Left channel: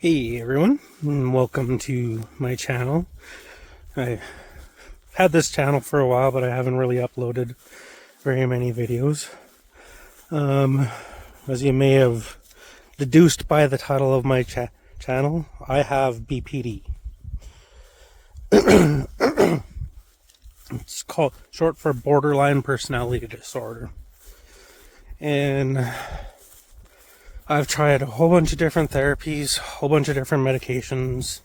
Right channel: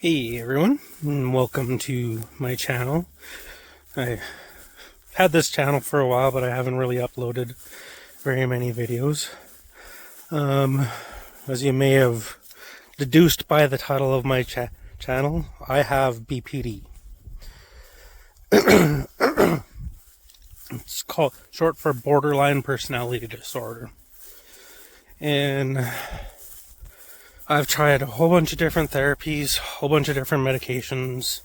Hey everyone, and welcome to my channel. I had this channel for a while, but I haven't really uploaded very many videos. As you may have deduced by the title of my channel, I have BPD. It's called short for borderline personality disorder. And I've tried a whole bunch of different therapies, a whole bunch of different medications,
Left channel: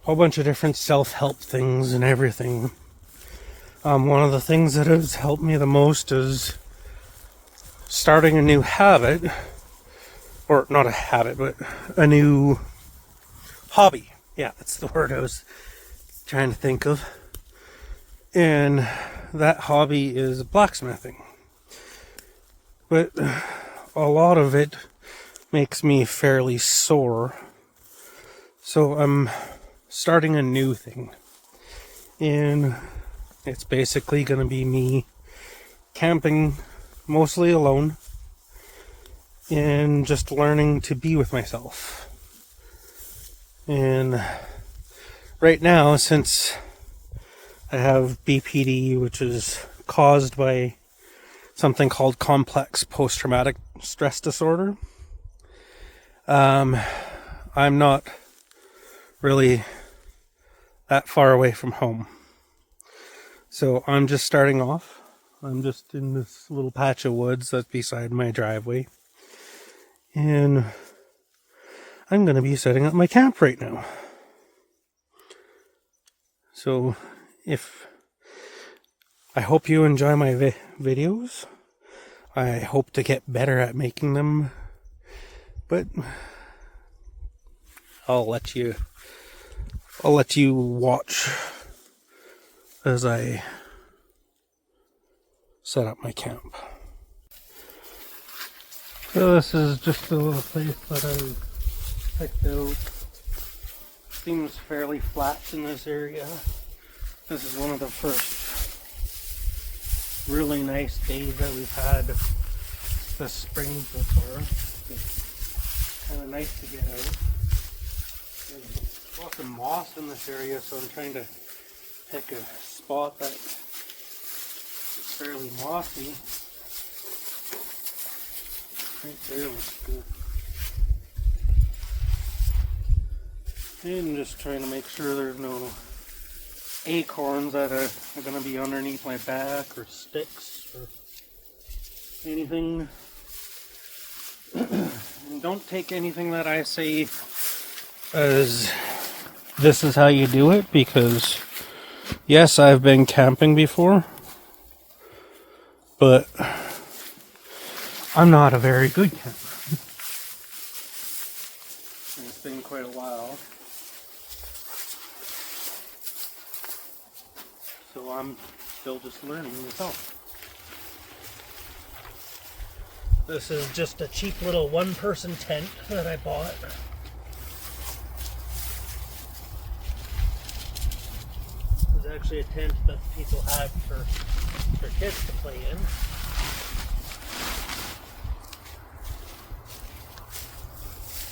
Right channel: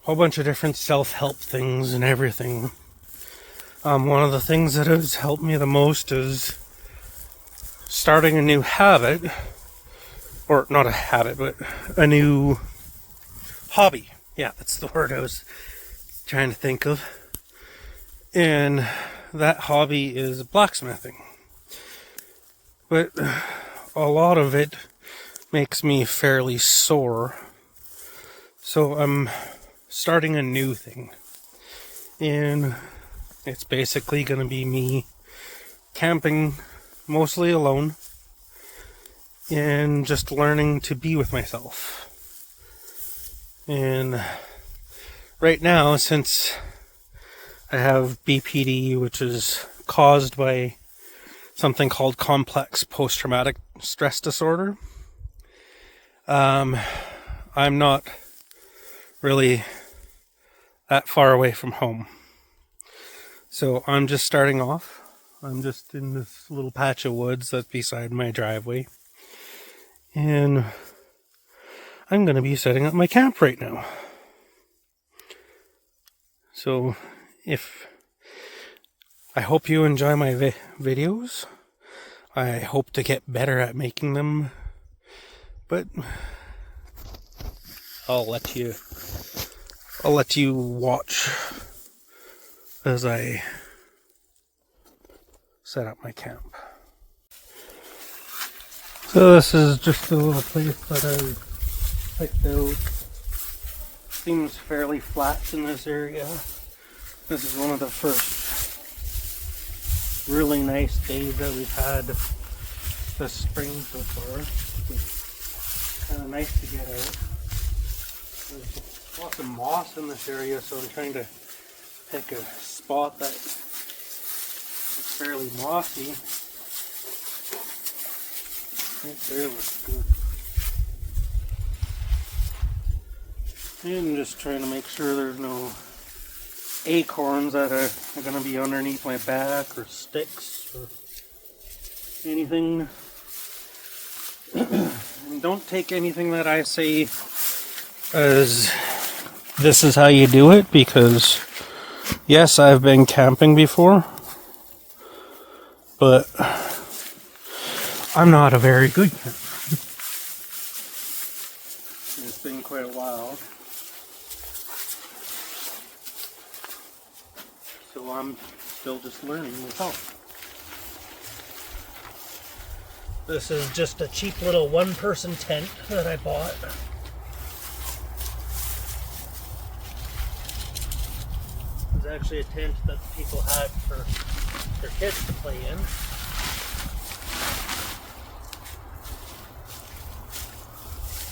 a whole bunch of different self-help things and everything. One of the things that has helped me the most is starting a new habit, or not a habit, but a new hobby. Yeah, that's the word I was trying to think of. And that hobby is blacksmithing. But a lot of it makes me fairly sore. So I'm starting a new thing. And it's basically going to be me camping mostly alone and just learning to be with myself. And right now, since I have BPD, which is caused by something called complex post-traumatic stress disorder, I'm not really that far away from home. So I'm just starting off. I'm just in this little patch of woods that's beside my driveway. And I'm going to be setting up my camp right now. So I hope you enjoy my videos. I hope to get better at making them. But I'll let you watch as I set up my camp. So this is just a little place that I picked out. Seems fairly flat in this area. This is one of the first really nice days that we've had this spring so far. It's kind of nice to get out. There's lots of moss in this area, so I'm trying to pick a spot that is fairly mossy. Right there looks good. And just trying to make sure there's no acorns that are going to be underneath my back or sticks or anything. And don't take anything that I say as this is how you do it, because yes, I've been camping before, but I'm not a very good camper. It's been quite a while. So I'm still just learning myself. This is just a cheap little one-person tent that I bought. It's actually a tent that people had for their kids to play in.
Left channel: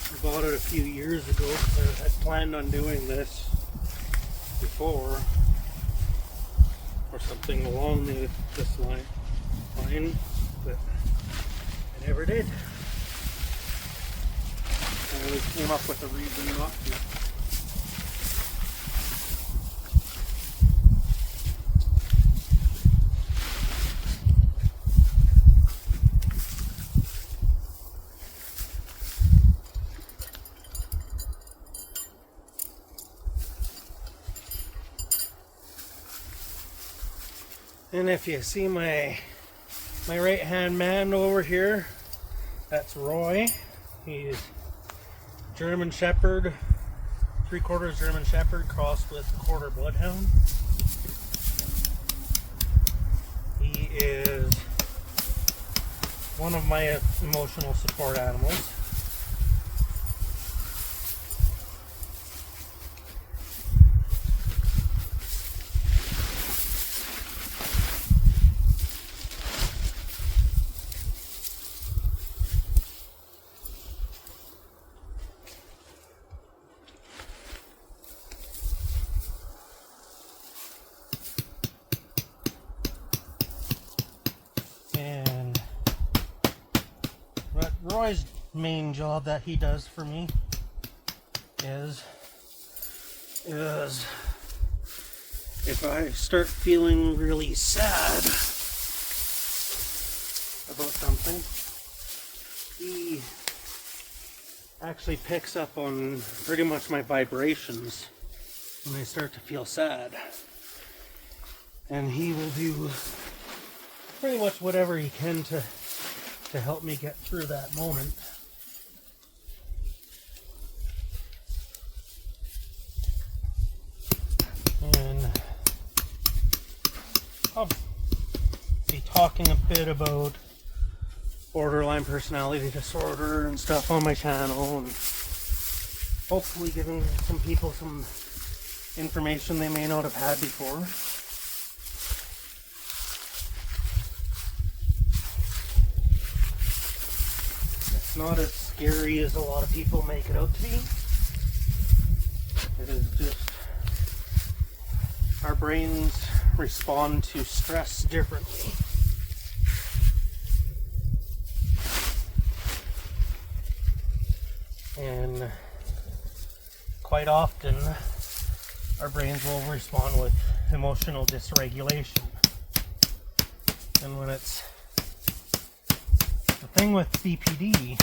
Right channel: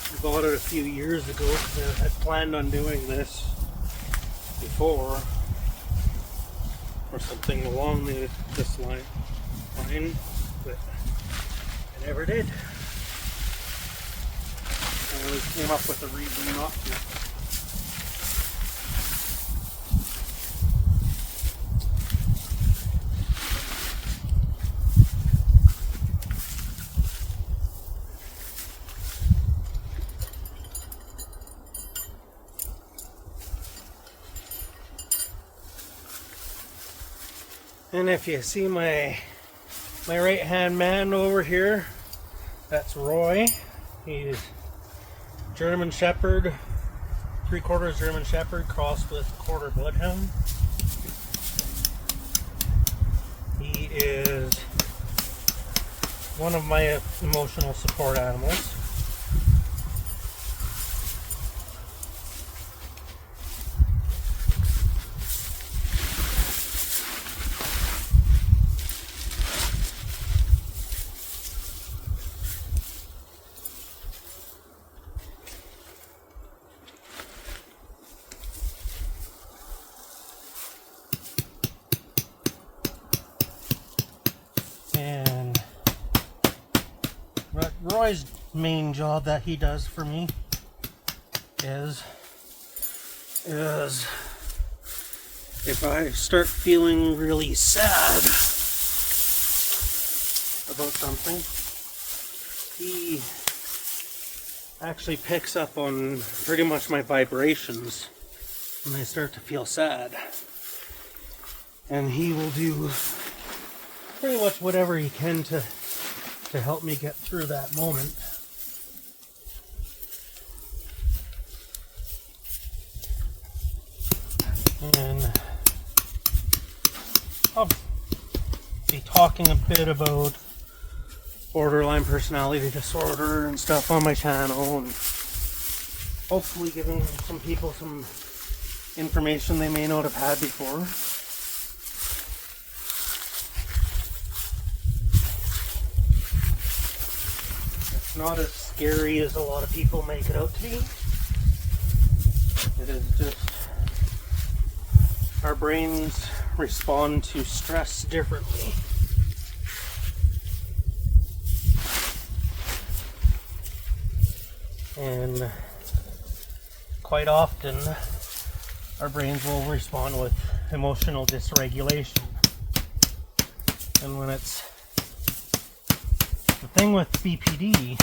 I bought it a few years ago because I had planned on doing this before, or something along this line, but I never did. I always came up with a reason not to. And if you see my right hand man over here, that's Roy. He's German Shepherd, 3/4 German Shepherd crossed with quarter Bloodhound. He is one of my emotional support animals. Troy's main job that he does for me is if I start feeling really sad about something, he actually picks up on pretty much my vibrations when I start to feel sad. And he will do pretty much whatever he can to help me get through that moment. And I'll be talking a bit about borderline personality disorder and stuff on my channel, and hopefully giving some people some information they may not have had before. It's not as scary as a lot of people make it out to be. It is just our brains respond to stress differently. And quite often, our brains will respond with emotional dysregulation. And when it's the thing with BPD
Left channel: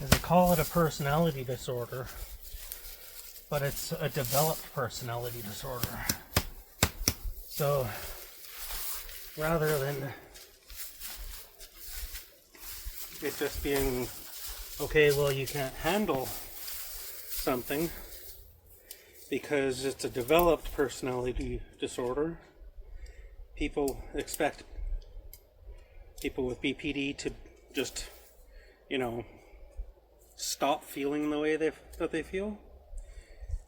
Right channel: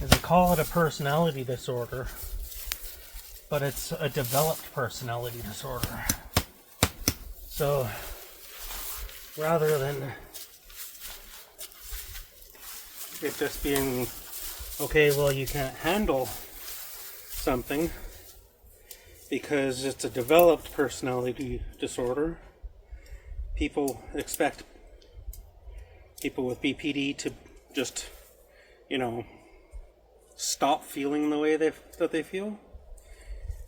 is they call it a personality disorder, but it's a developed personality disorder. So rather than it just being, okay, well, you can't handle something because it's a developed personality disorder, people expect people with BPD to just, stop feeling the way that they feel.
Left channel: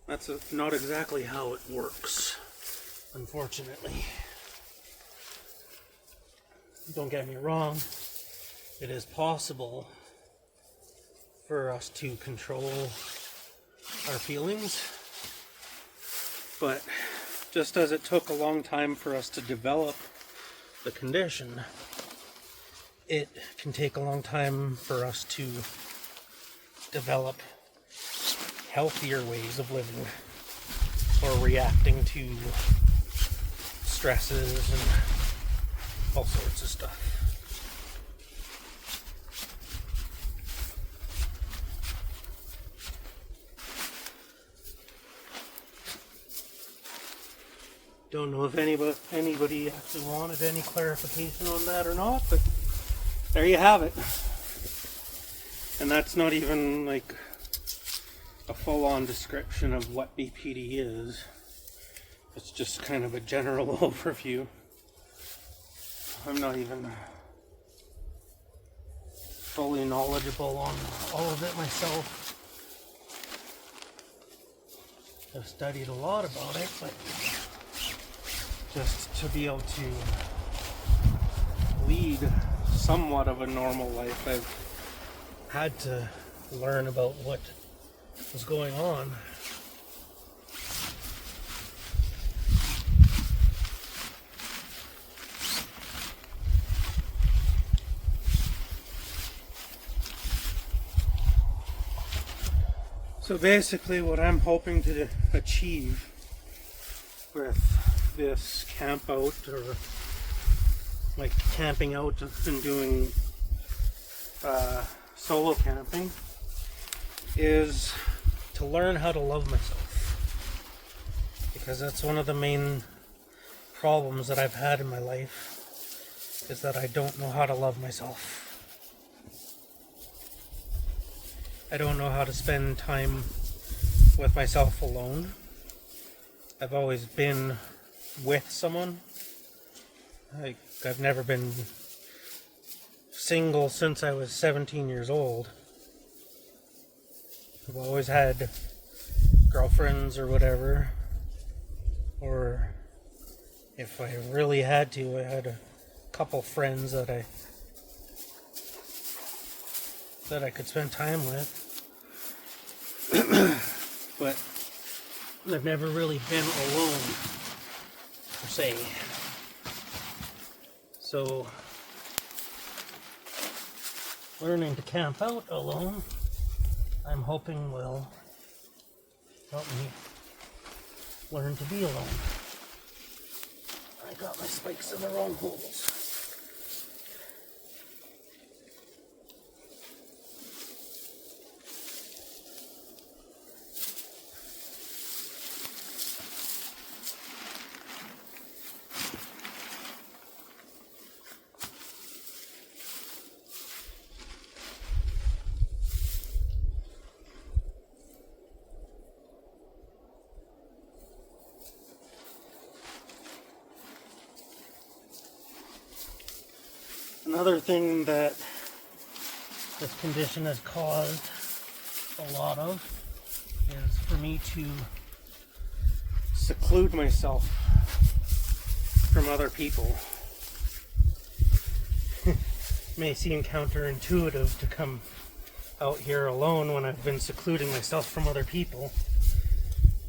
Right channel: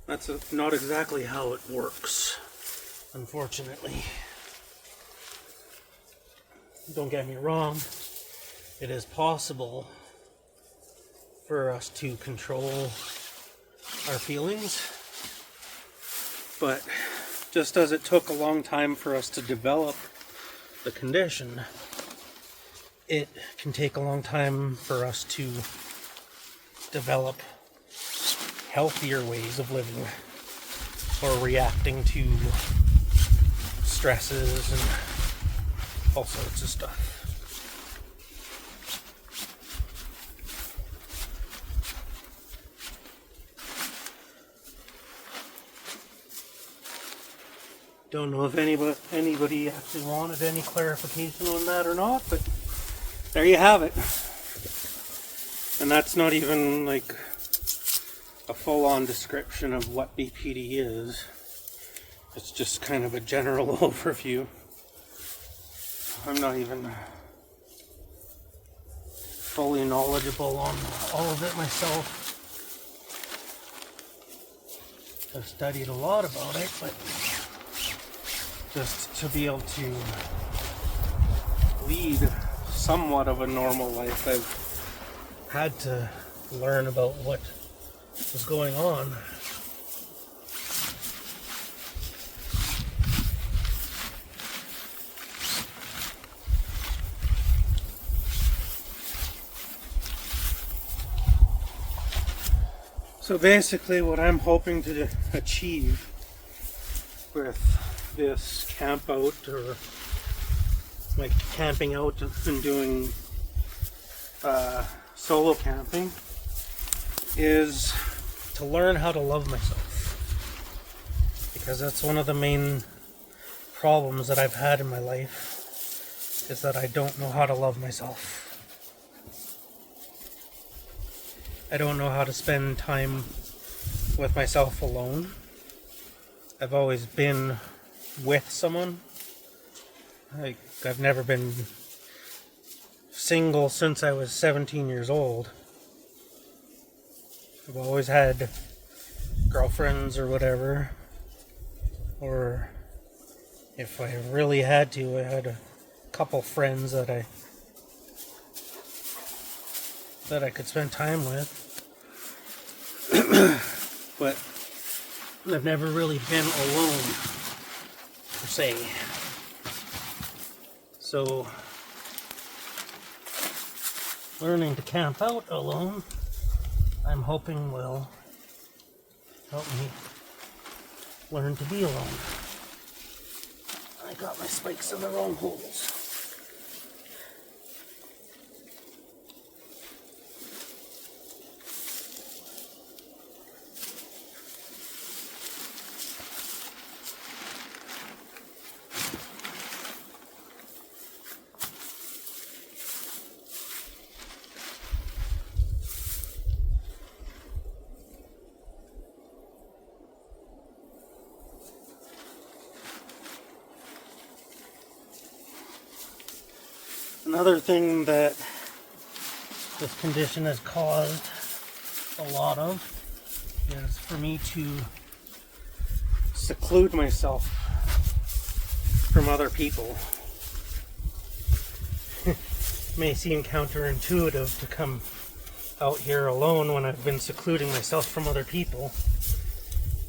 That's not exactly how it works, unfortunately. Don't get me wrong, it is possible for us to control our feelings, but just as it took a long time for us to develop the condition, it can take a long time for us to develop healthier ways of living or reacting to stresses and all sorts of stuff. Don't know if anybody actually wanted any clarification on that or not, but there you have it. And that's not even like a full-on description of what BPD is. It's just kind of a general overview. I'm not even fully knowledgeable on all of it myself. I've studied a lot about it, but just to be able to lead somewhat of a normal life, I've had to learn about what was going on. So basically what I'm hoping to achieve with this camp out, or like camping out and doing solo camping, is to learn how to love myself, because that's one of the main problems that I've had in my life, is that I don't know how to love myself. I don't know how to spend time with myself alone. I've always been with someone. I've never been single since I was 17 years old. I've always had girlfriends or whatever. Or if I really had to, I had a couple friends that I could spend time with. But I've never really been alone, per se. So learning to camp out alone, I'm hoping will help me learn to be alone. I got my spikes in the wrong holes. Another thing that this condition has caused a lot of is for me to seclude myself from other people. May seem counterintuitive to come out here alone when I've been secluding myself from other people,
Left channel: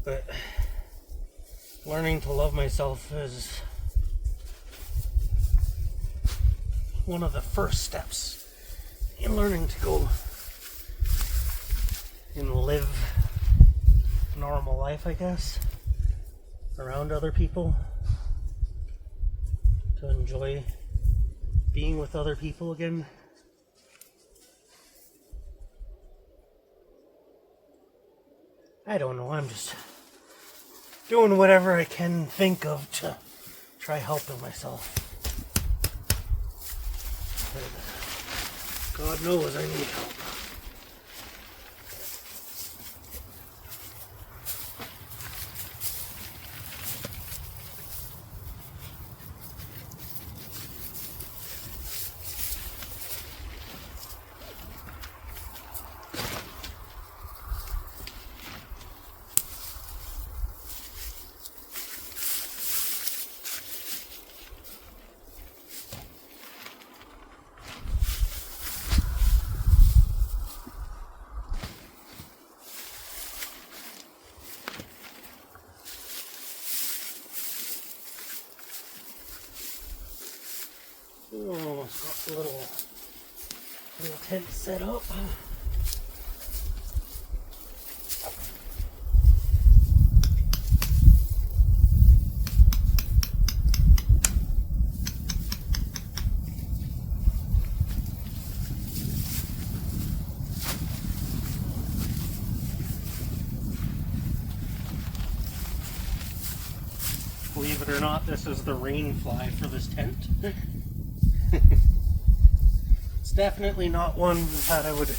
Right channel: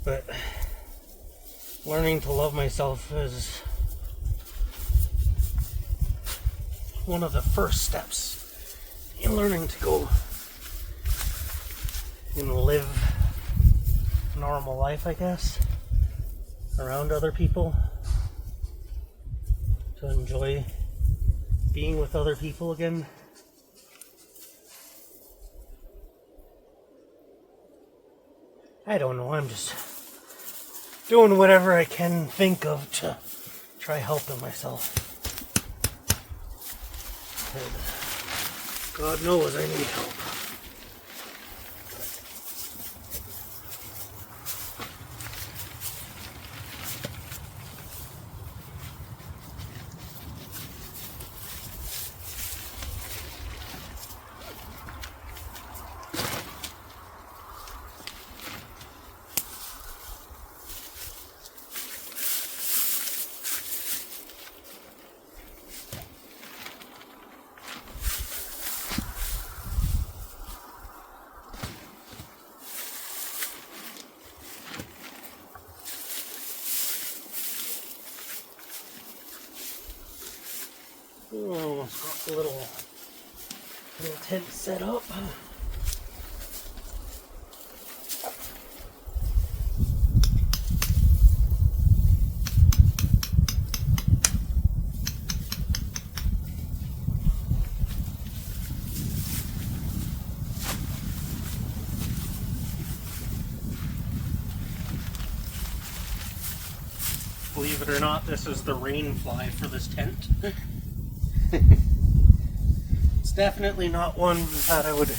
but learning to love myself is one of the first steps in learning to go and live a normal life, I guess, around other people, to enjoy being with other people again. I don't know, I'm just doing whatever I can think of to try helping myself. God knows I need help. Oh, got a little tent set up. Believe it or not, this is the rain fly for this tent. It's definitely not one that I would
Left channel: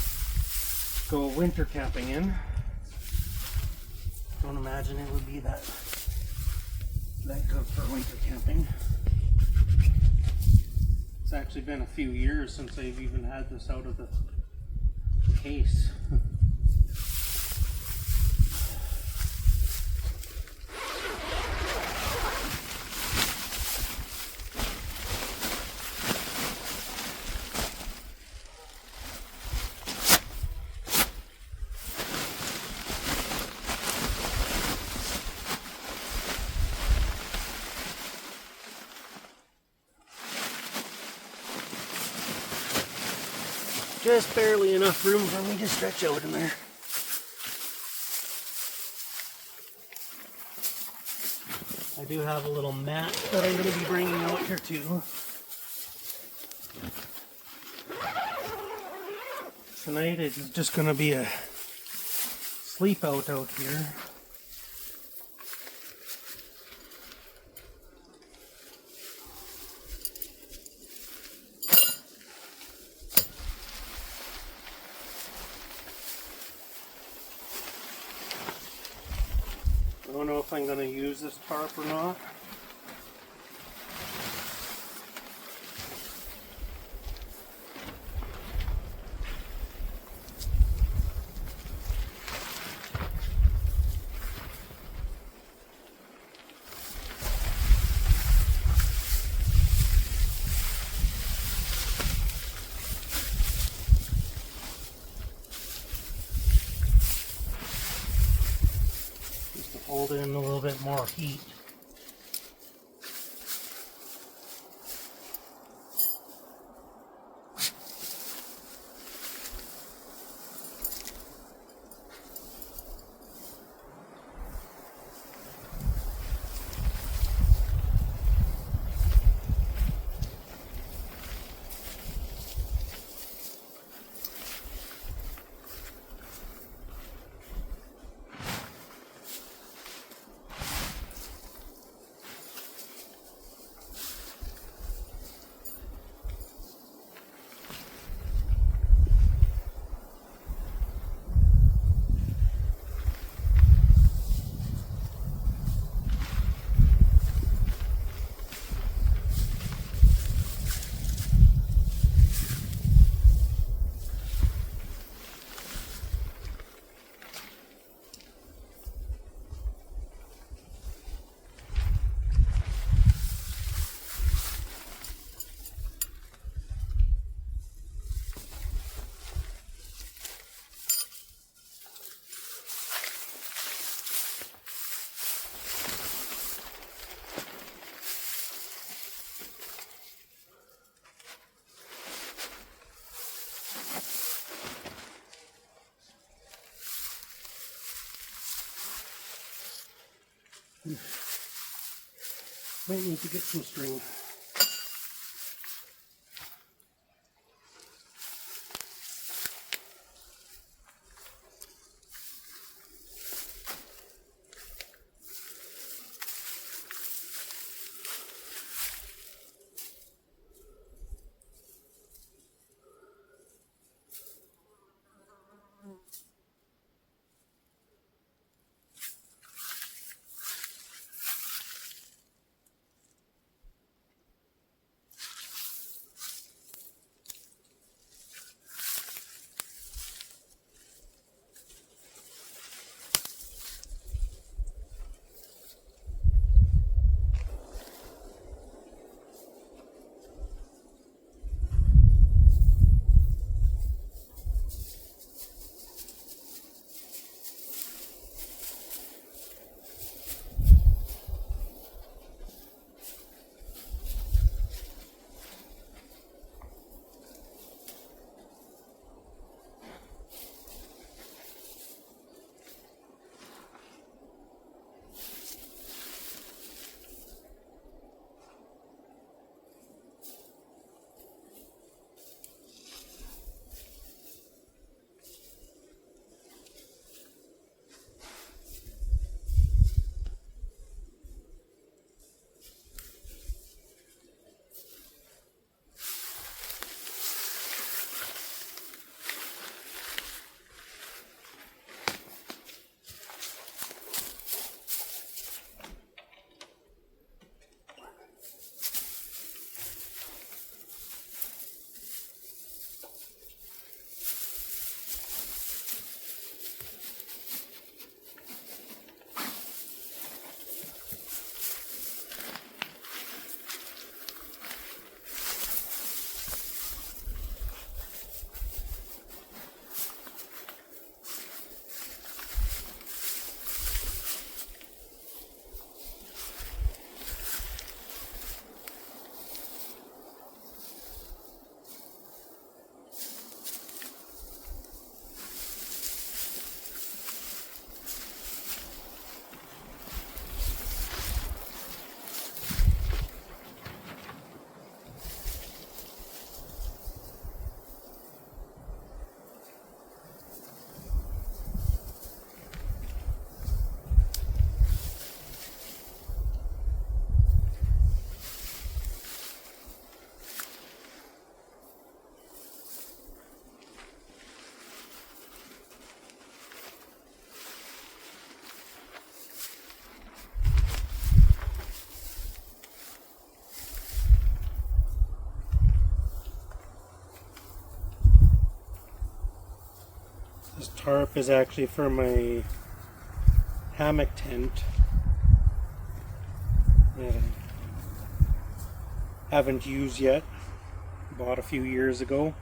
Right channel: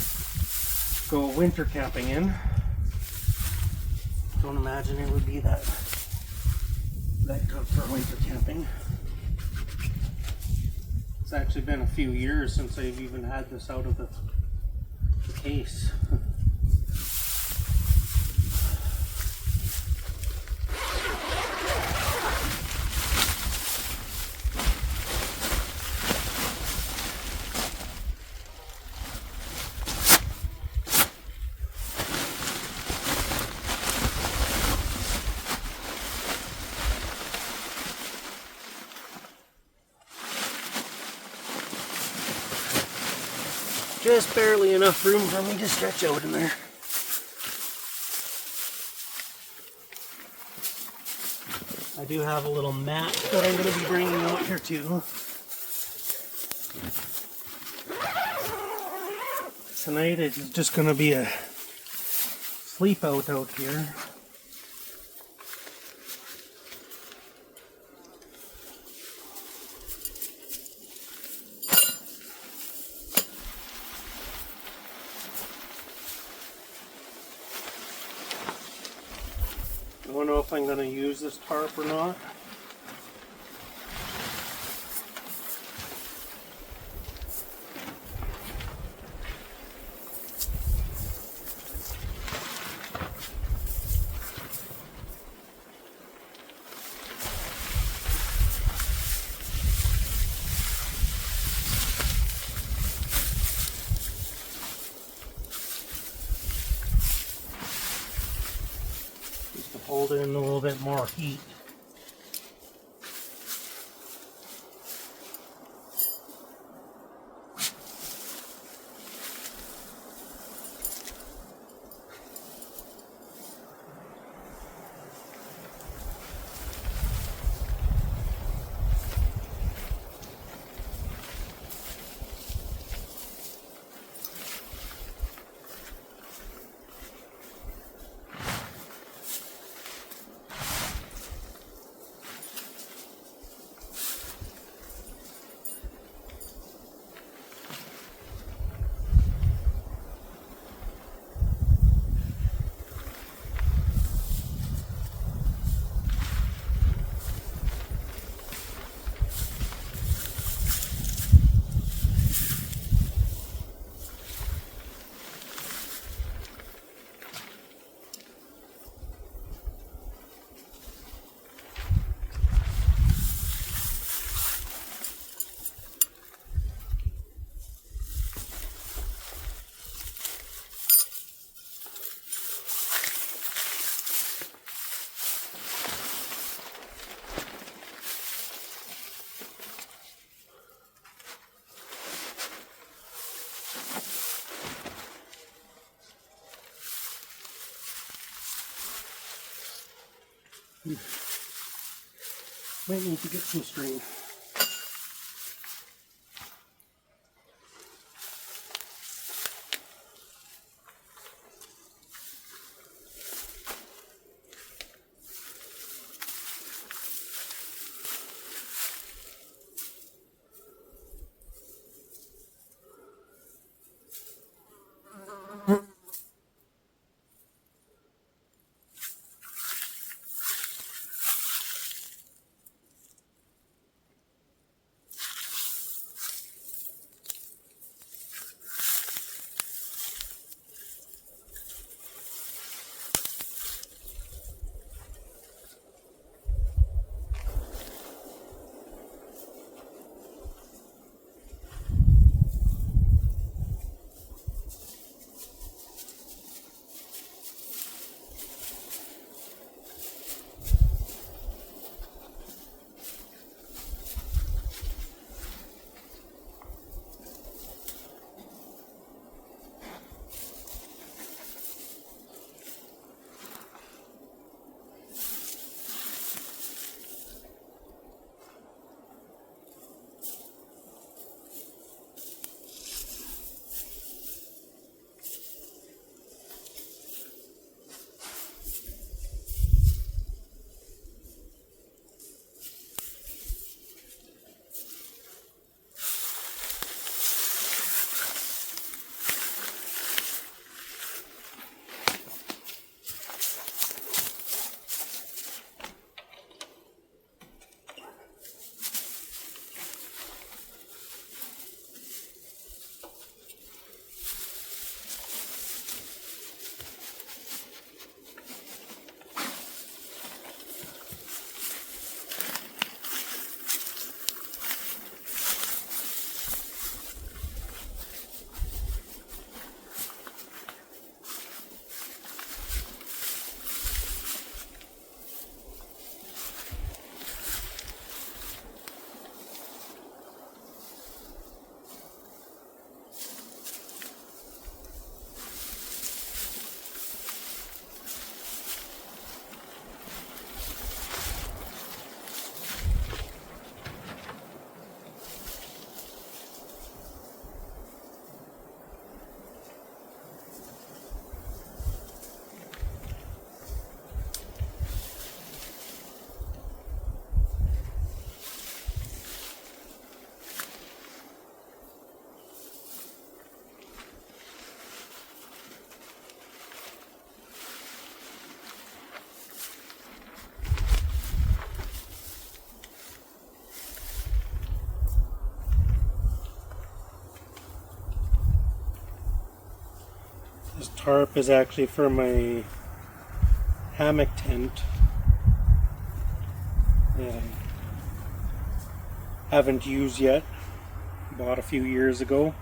go winter camping in. Don't imagine it would be that good for winter camping. It's actually been a few years since I've even had this out of the case. Just barely enough room for me to stretch out in there. I do have a little mat that I'm going to be bringing out here too. Tonight it's just going to be a sleep out here. I don't know if I'm going to use this tarp or not. Hold in a little bit more heat. Might need to get some string. This tarp is actually for my hammock tent that I haven't used yet. Bought a few years ago.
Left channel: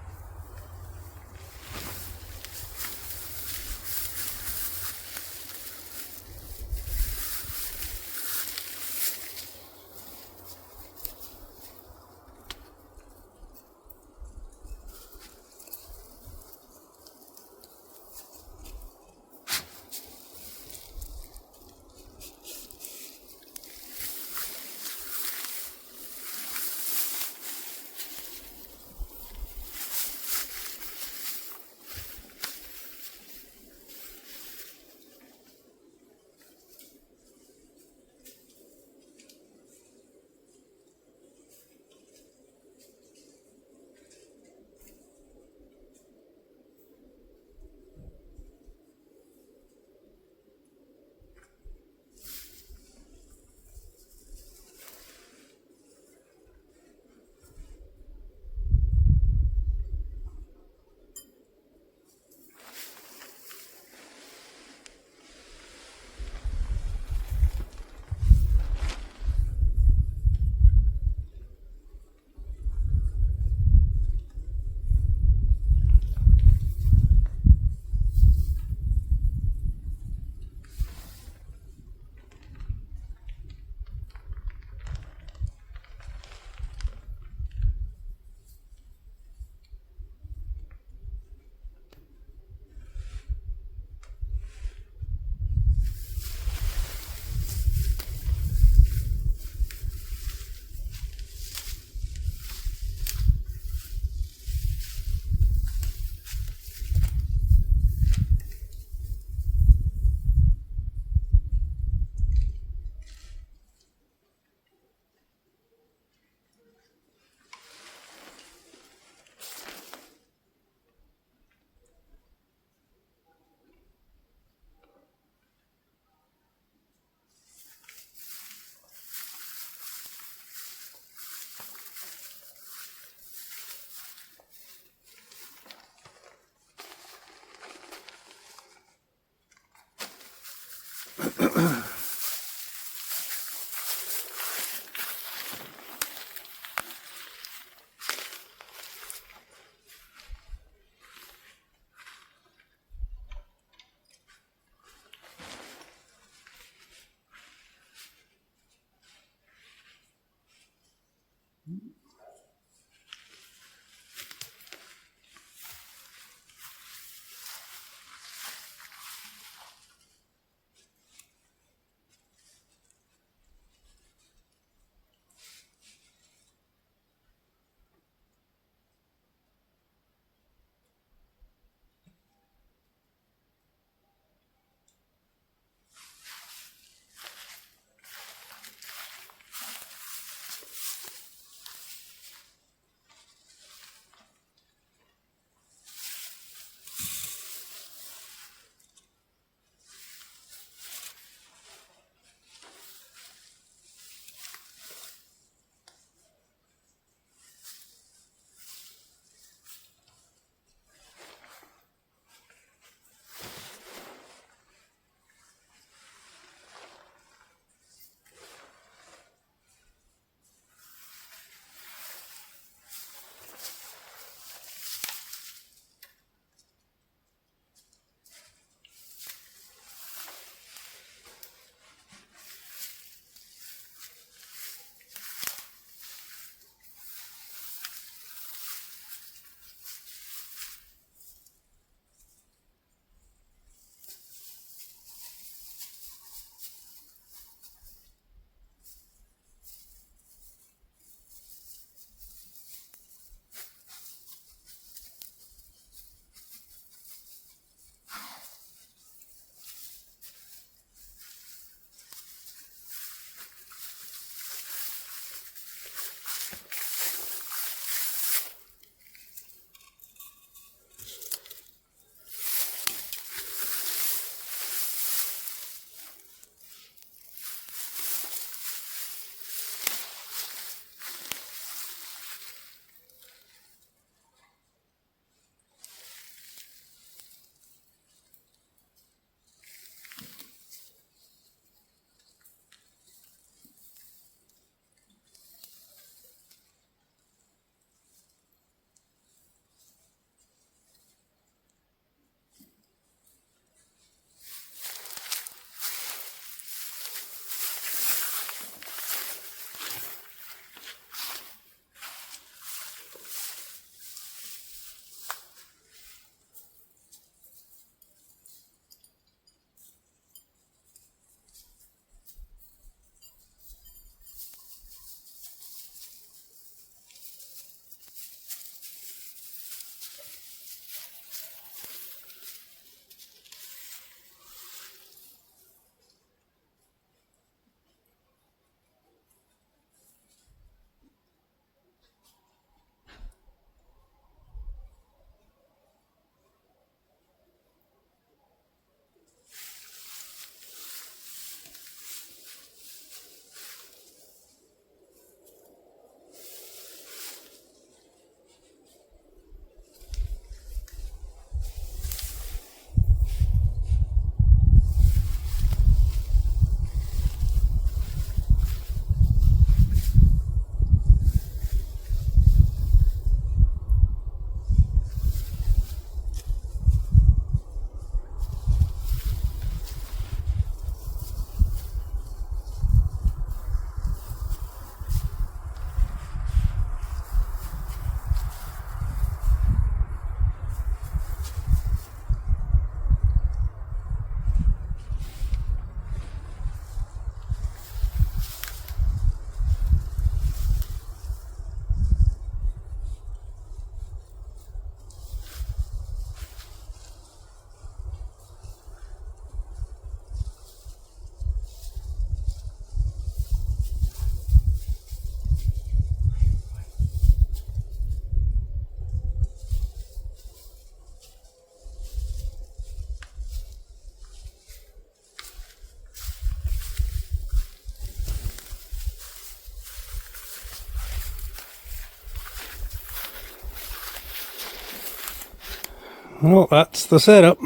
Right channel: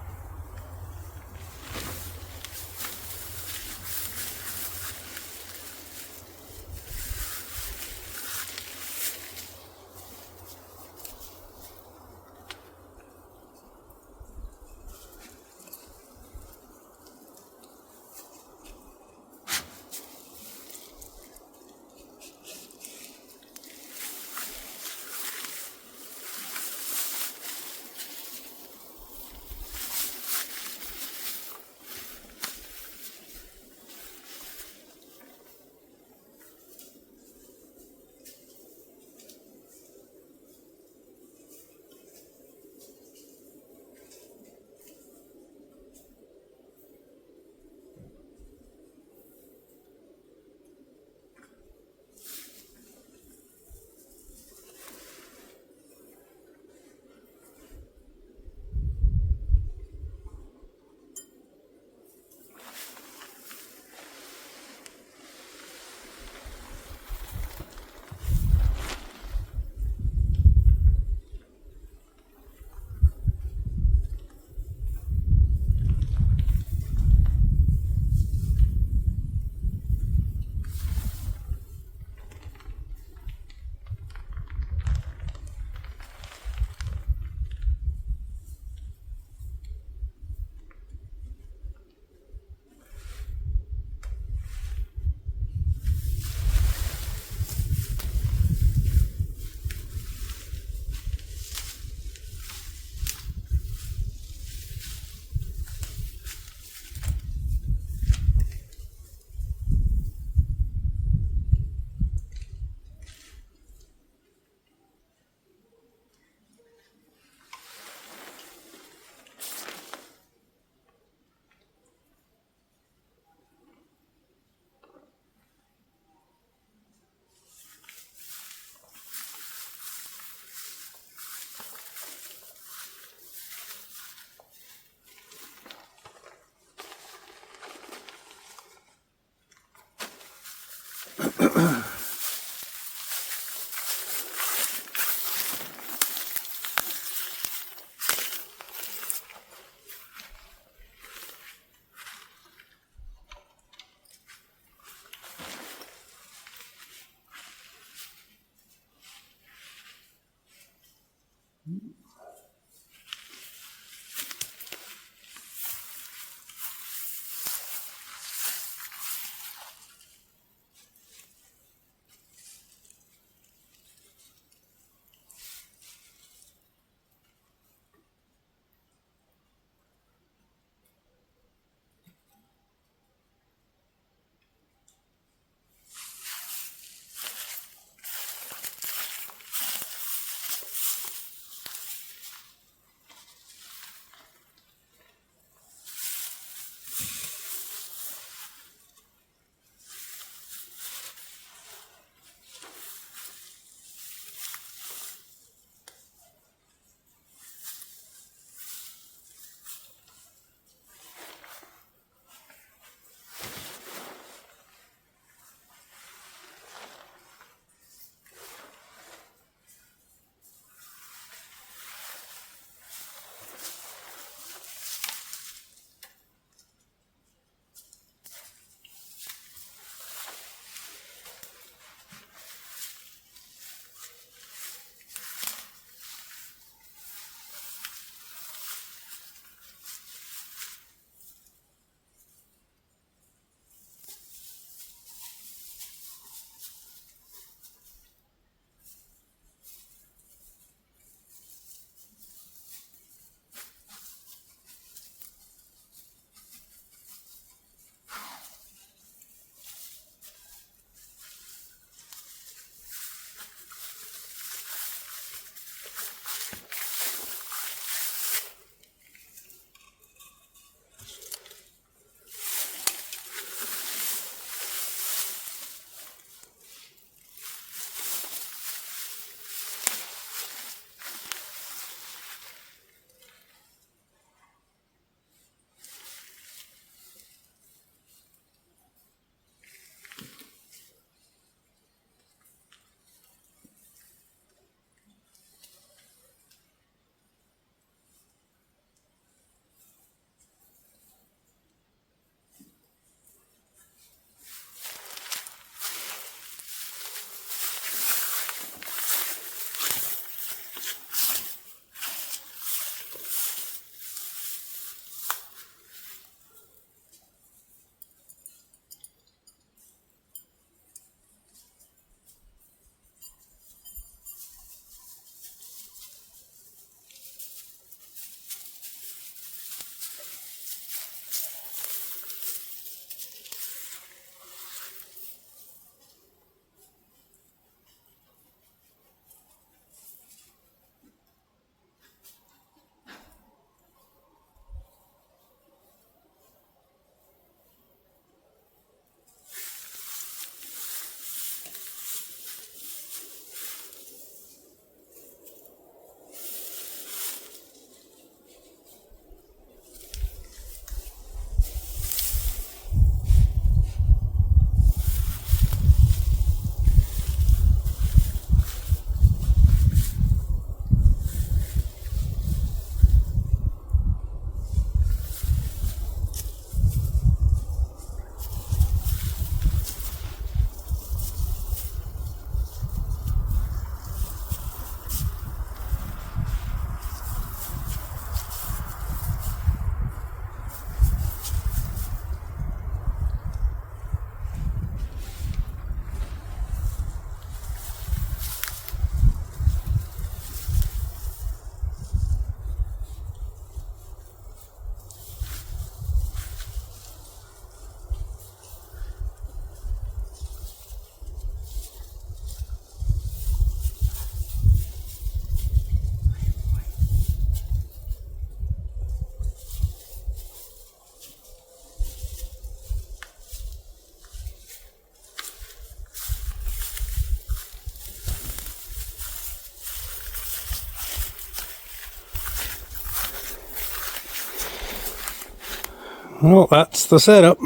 Well, that's the setup.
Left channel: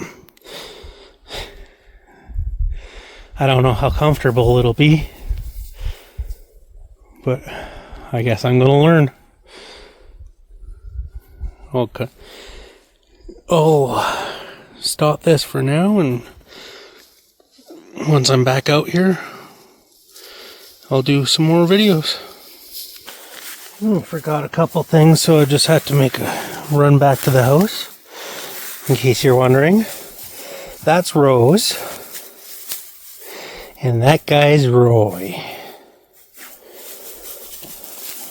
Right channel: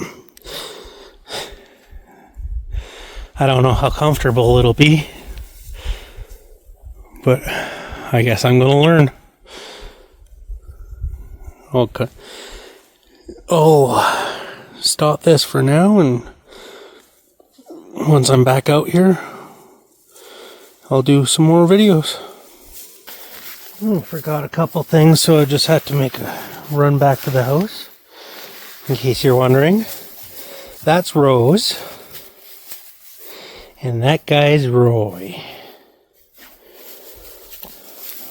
I don't know how comfortable it'll be, but I guess I'm gonna learn. Okay. I'll stop this for now, and once I'm back out here, I'll do some more videos. Forgot a couple things, so I just had to make a run back to the house. In case you're wondering, that's Rose, and that guy's Roy.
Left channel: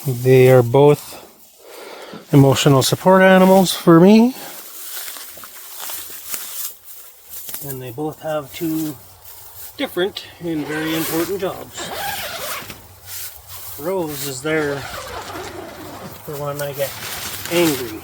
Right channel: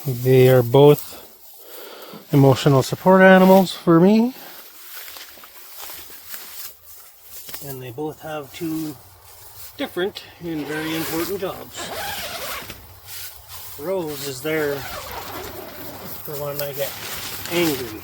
They are both emotional support animals for me, and they both have two different and very important jobs. Rose is there for when I get angry.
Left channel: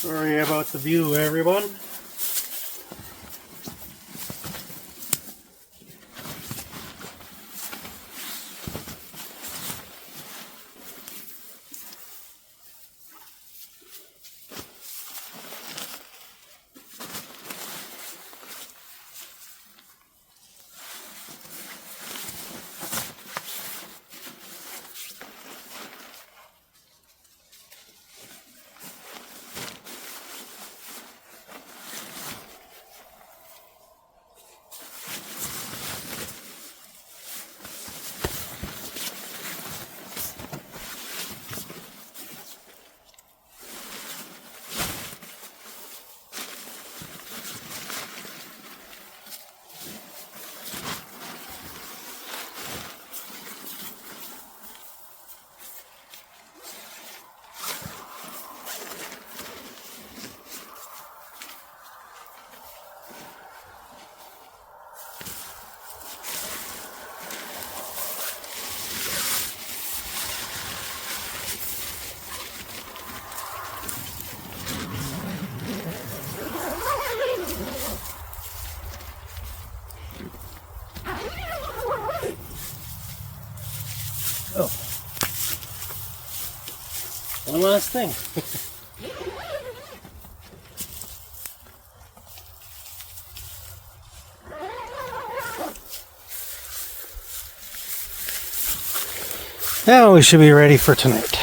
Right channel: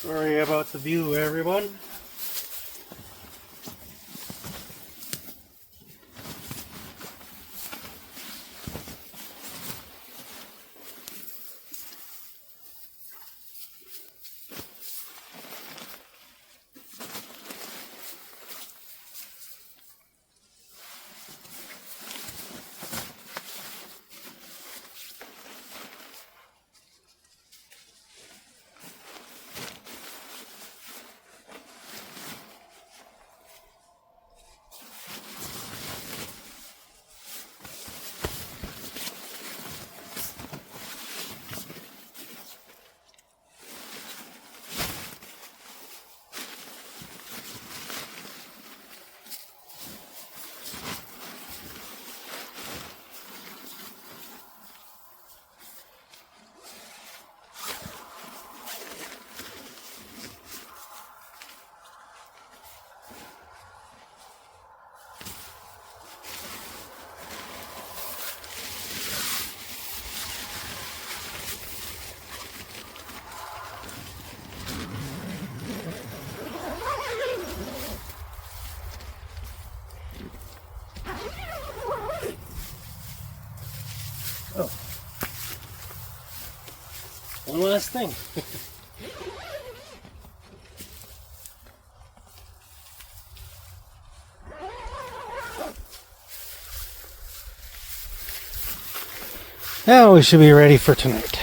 Sorry about the view, everyone. Oh, one last thing. Now we should be ready for tonight.